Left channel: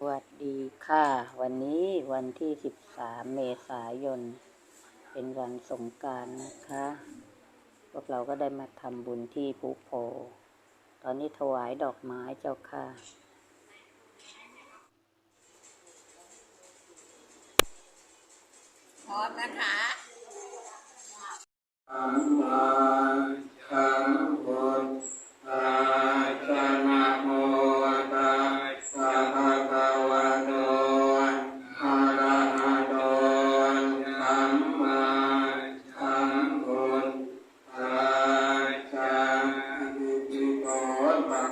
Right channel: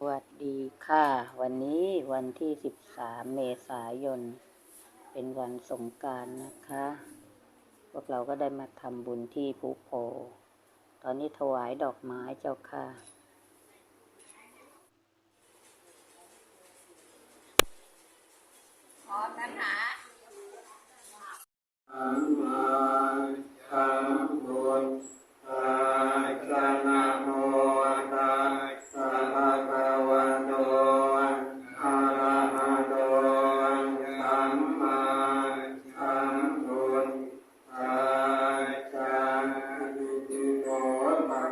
สวัสดีค่ะ วันนี้วันที่ 13 เมษายน เป็นวันสงการนะคะ พวกเราก็ได้มาทำบุญที่ภูโพ ตอนนี้ถวายดอกไม้เจ้าค่ะ พร้อมนะคะ ภะ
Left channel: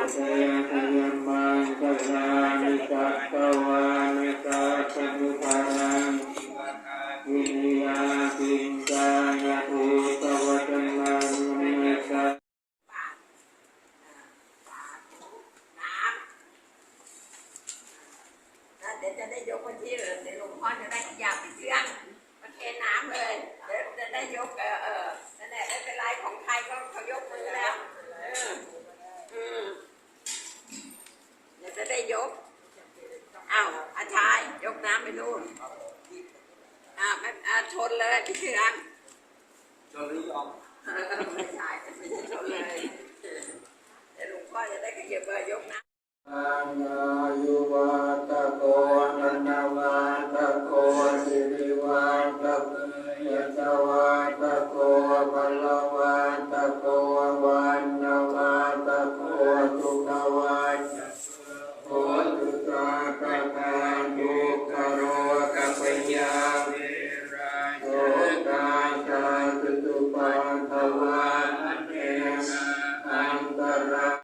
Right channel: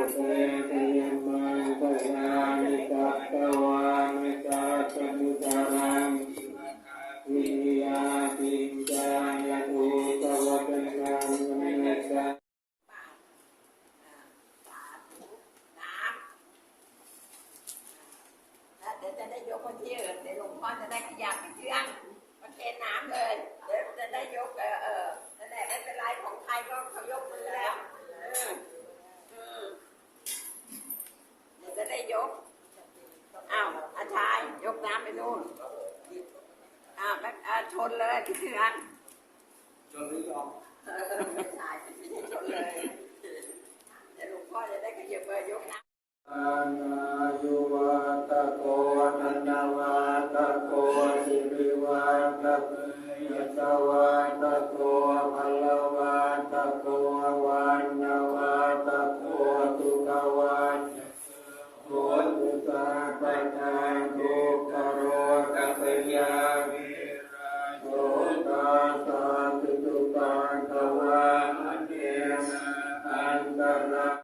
เตตยัมมังกลานิจัตตวานิจัตตุภารังวิริยาปิญจายะอุตวัตนังมตตาแล้วเดี๋ยวจะได้ยกไปที่เดี๋ยวหลวงพ่อจะได้ขยับเครื่องประเคนน้ำเลยเดี๋ยวจะได้ยกเออเออนั่นแหละไม่เป็นไรของไทยก็เขายกมือแล้วเอออืมเดี๋ยวจะได้ยกอ้าวอาชายยก น้ำไปนู่นอ้าวไม่อ่าชนเลยพี่เชืองชนหรือยอมเออไม่ใช่